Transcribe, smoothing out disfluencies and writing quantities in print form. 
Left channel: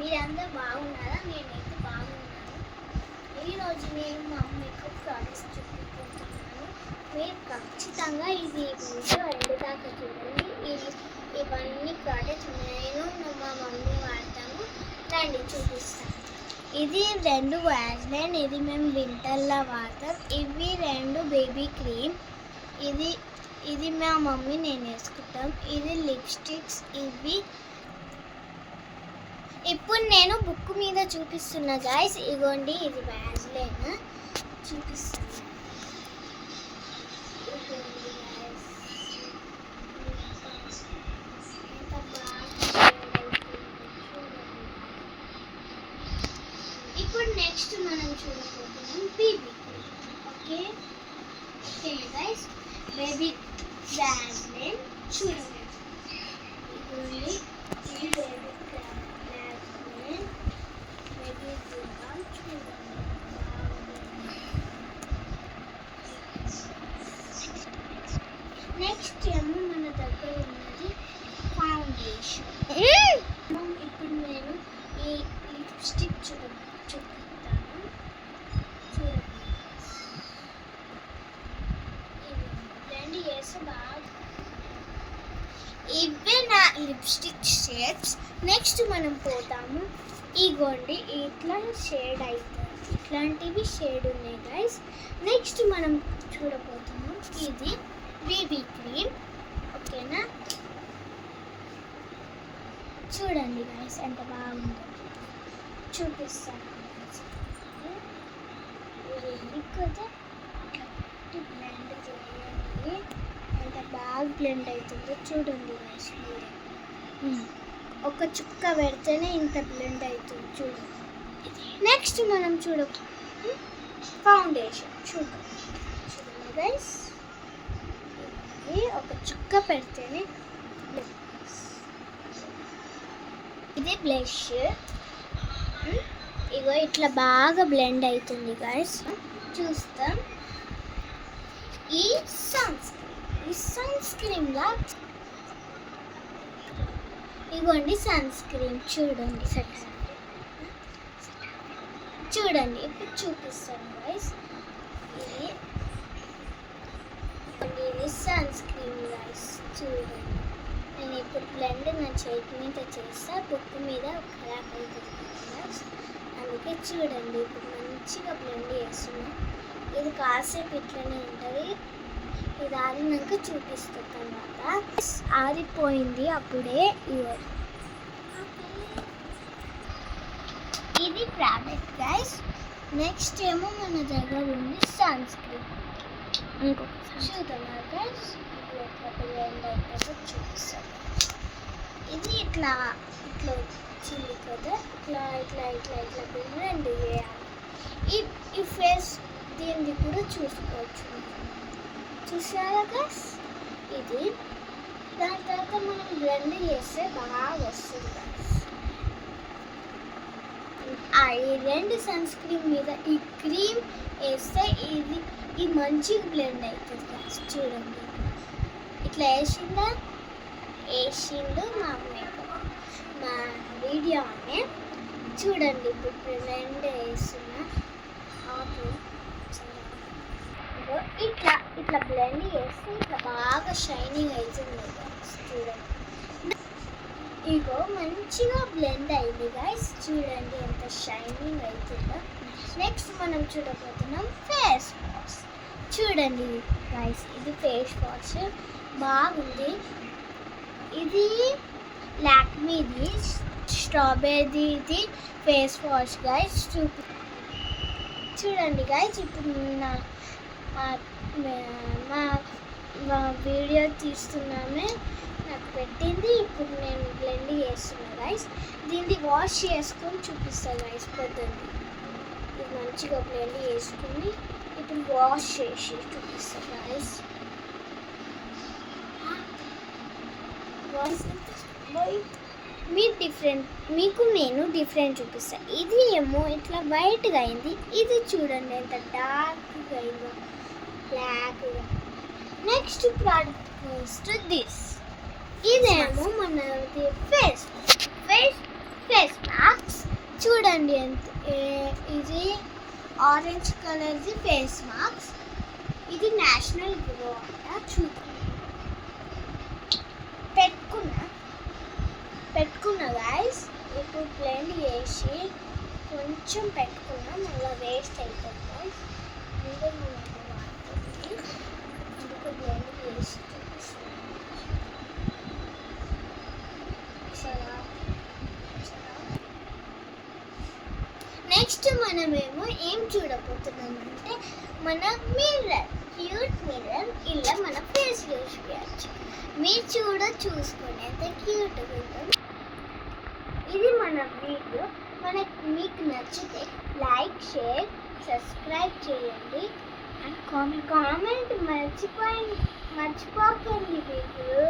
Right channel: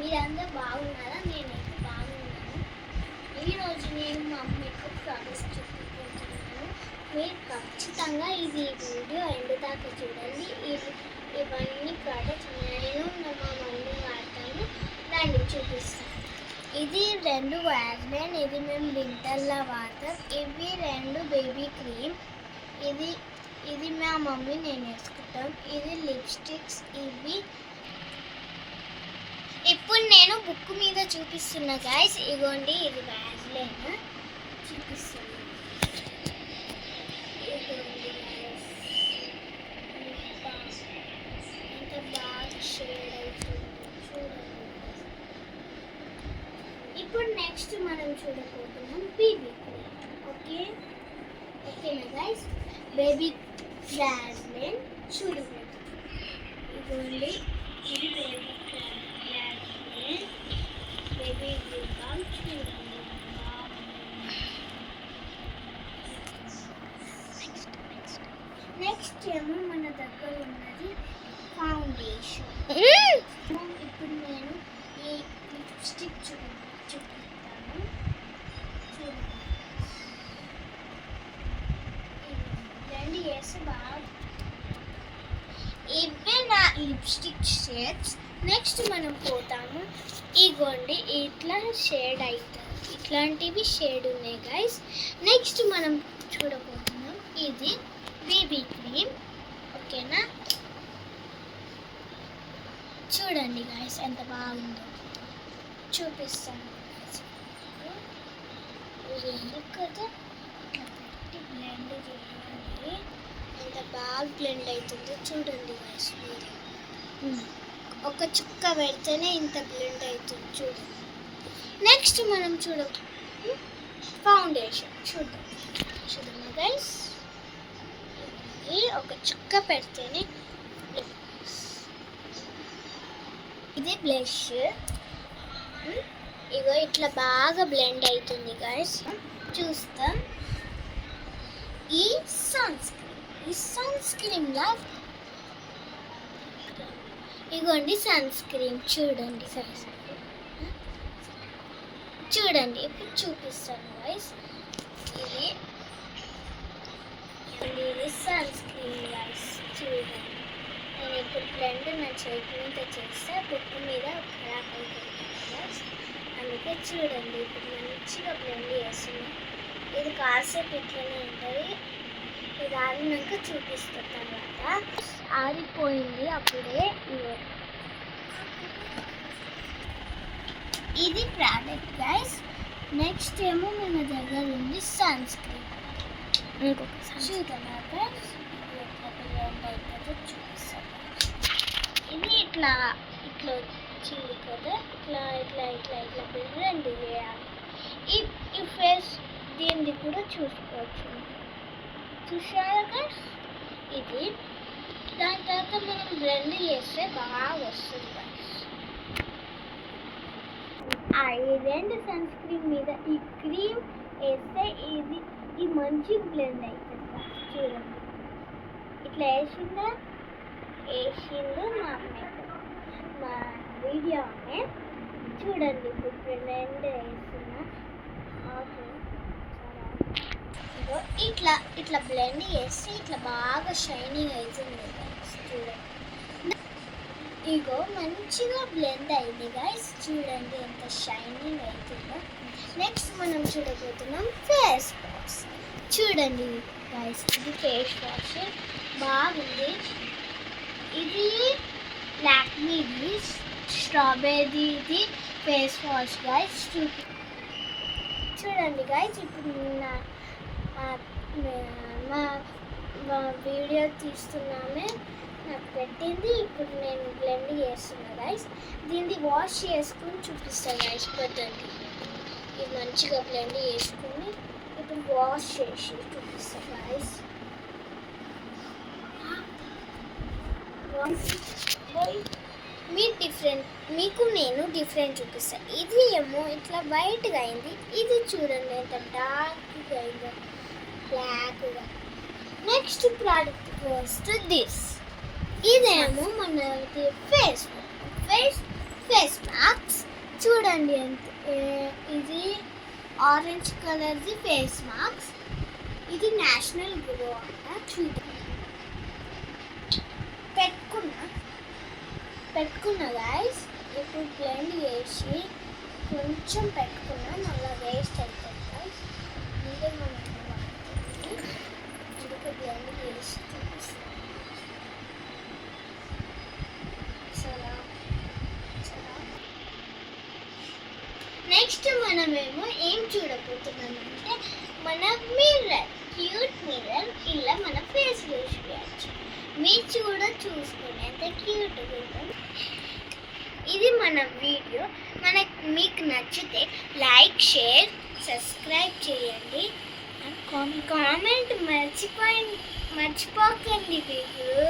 మీరందరూ బాగున్నారా? నేనైతే బాగున్నాను. ఈరోజు నేను మా మమ్మీకి ప్రోడక్ట్స్ చూపించుకుంటున్నాను. మీరు ఖచ్చితంగా ఇది వీడియో ఎండ్ దాకా చూడండి. ఇవన్నీ ప్రోడక్ట్స్ నేను మా మమ్మీ వాడతాము. రండి చూపిస్తాను. ఇది 2 వ్యాజ్లైన్, ఇది మేము వింటర్లో వాడతాం. ఇవి 2 బేబీ క్రీమ్, ఇది మా మమ్మీ నేను వేసుకుంటాం. ఇది లిప్స్టిక్స్. ఇవి ఇప్పుడు నేను బుక్ మీద చూపిస్తున్నా గైస్. ఇగోండి, ఇది వ్యాజ్లైన్ చూపిస్తున్నా. ఇగోండి గైస్, ఎంత బాగా చూడండి. ఇప్పుడు నెక్స్ట్ మనం చూడబోతున్నాం బేబీ క్రీమ్. ఓకేనా గైస్? బేబీ వ్యాజ్లైన్ చూడబోతున్నాం. ఇగోండి, ఇది బేబీ నెక్స్ట్ ఏమో మన దగ్గర ఉన్నది ఫౌండేషన్. ఇప్పుడు నేను ఈ లిప్స్టిక్ చూపిస్తాను. చూడండి, రెండు వేసి బాగా. ఇవే నా లిప్స్టిక్ షేడ్స్. నెక్స్ట్ మనం పోతాము. ఇగోండి, ఇట్లా షేడ్ అవుతుంది. ఇట్లాంటివి షేడ్ ఉన్నాయి గైస్. నెక్స్ట్ మనం చూడబోతున్నాం ఇది బేబీ క్రీమ్. ఓకేనా? చూడండి గైస్, ఎంత బాగుందో చూపిస్తాను. కదా బ్లెండ్ చేయండి, ఎంత బాగా బ్లెండ్ అవుతుందో చూడండి గైస్. మీరు ఒక చుక్క పెడితేనే ఇంత బ్లెండ్ అవుతుంది చూడండి. నెక్స్ట్ మనం ఫౌండేషన్ చూడండి గైస్. ఒక చుక్క పెడితేనే ఇది బ్లష్. ఇగో ఇట్లా బాగా బ్లెండ్ అవుతుంది గైస్. చూస్తాం. ఈ సన్ స్క్రీన్ లా ఇగోండి సన్ స్క్రీన్ చూడండి. చూడండి, ఇప్పుడు చూపిస్తాను గైస్. ఇది సన్ స్క్రీన్ గైస్. చూడండి, నేను ఇప్పుడు బ్లెండ్ నా చేతి మీద చేస్తే బుక్ మీద ఖరాబ్ అవుతుంది గైస్. అందుకే చూడండి, ఇప్పుడు మంచిగా బ్లెండ్ చేస్తున్నాను. ఇది కాసేపు ఇట్లనే ఉంటుంది. ఇది ఆరినాక చూపిస్తాను తర్వాత. ఆరిపోయింది అప్పుడే. ఇది ప్రోడక్ట్ గైస్. నెక్స్ట్ ఏమో మన దగ్గర ఉంది సన్ స్క్రీన్. చూద్దాం గైస్, చూపిస్తాను. ఇది ఇట్లా వచ్చింది కదా, ఇట్లా బ్లెండ్ చేయాలి. ఈ ఫేస్ దీన్ని కూడా చూసుకోవచ్చు. చూసారా గైస్? ఇది దాని తర్వాత మనం బ్లెండ్ చేస్తే బాగా వస్తుంది గైస్. ఈ 2 సన్ స్క్రీన్ మీద ఈ క్రీమ్ వేస్తే ఇది మంచిగా బ్లెండ్ అవుతుంది గైస్. చూడండి, ఇట్లా వేసిండు మా వీడియో అనే. చూడండి, ఇప్పుడు బ్లెండ్ వేస్తున్నా. ఇట్లా బ్లెండ్ చేస్తే ఇట్లా బాగా షైనింగ్ అవుతుంది గైస్. చూడండి, ఇగో మంచిగా బ్లెండ్ అయింది గైస్. చూడండి ఎంత షైనింగ్ అవుతుందో. నెక్స్ట్ మనం చూడబోతున్నాం ఫేస్ వాష్. చూడండి గైస్, ఇది ఫేస్ వాష్ బాగుంది. ఇది లాక్మీది స్ట్రాబెర్రీది ఫేస్ వాష్ గైస్. చూడండి గైస్, ఇప్పుడు మా వీడియో తీస్తున్నామే నాకు పెట్టింది. ఇప్పుడు నేను బ్లెండ్ చేస్తున్నా గైస్. దీన్ని వాష్ చేసుకొని చూపిస్తాను గైస్. పెట్టండి, ఇది మంచిగా బ్లెండ్ చేసుకొని ఇప్పుడు వాష్ చేసి చూపిస్తాను గైస్. మీకు నేను డిఫరెంట్ చూపిస్తాను. ఇది ఏమో ఇట్లా వైట్గా అయింది. ఇది చూడండి ఎంత డార్క్గా అయిందో, బ్లాక్గా. నెక్స్ట్ ప్రోడక్ట్ వస్తే ఇదేమో మనకి ఫేస్ మాస్క్. చూడండి ఇది ఆరెంజ్ కలర్ది ఫేస్ మాస్క్. ఇది నేషనల్ గ్లో అంట. చూడండి పెట్టుకున్నా గాయస్. ఇప్పుడు బ్లెండ్ చేసి కొంచెం పెట్టుకున్నా, మళ్ళీ వేస్ట్ అవుతుంది గాయస్. ముందే మనం వాడుతుంది, అందుకే బ్లెండ్ చేసి చూపిస్తాను. నెక్స్ట్ మనమేమో ఏం చూడబోతున్నామంటే మన మిర్రర్, క్యూట్ మిర్రర్. ఇలా మన ఫేస్ చూసుకోవచ్చు. మీరు చూసుకొని ఎంత క్యూట్గా ఉంటుంది. ఇది మన వీడియో. మీకు నచ్చితే లైక్, షేర్, సబ్స్క్రైబ్ చేయండి. అండ్ కామెంట్ మర్చిపోకండి మీరు.